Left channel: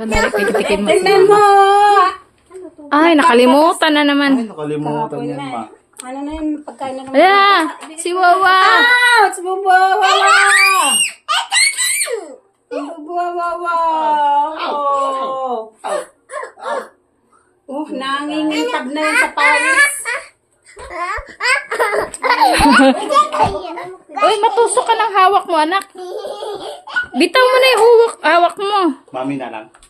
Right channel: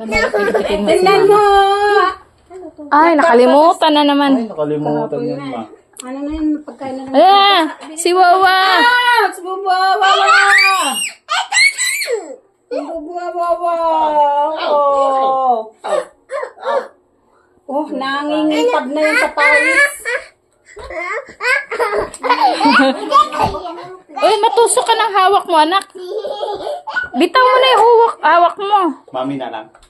No. Tignan mo! Ay, si Ay nakalimutan na naman. Ay, nakalimutan yun, ma. Ano na yun? Pagkain yeah. ah, oh, okay. na naman. Ayan! Si Wawa! Ah! Si Wawa! Wawa! Wawa! Wawa! Oh, oh. oh. oh. oh. oh. oh. oh nangingitab na yung sa paris. Uy, matusok ka ng hawak mo, anak. Bitaw mo na yung hawak mo. Mami na lang. Mami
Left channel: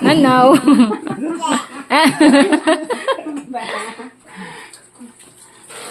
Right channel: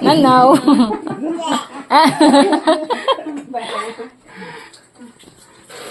Não, não.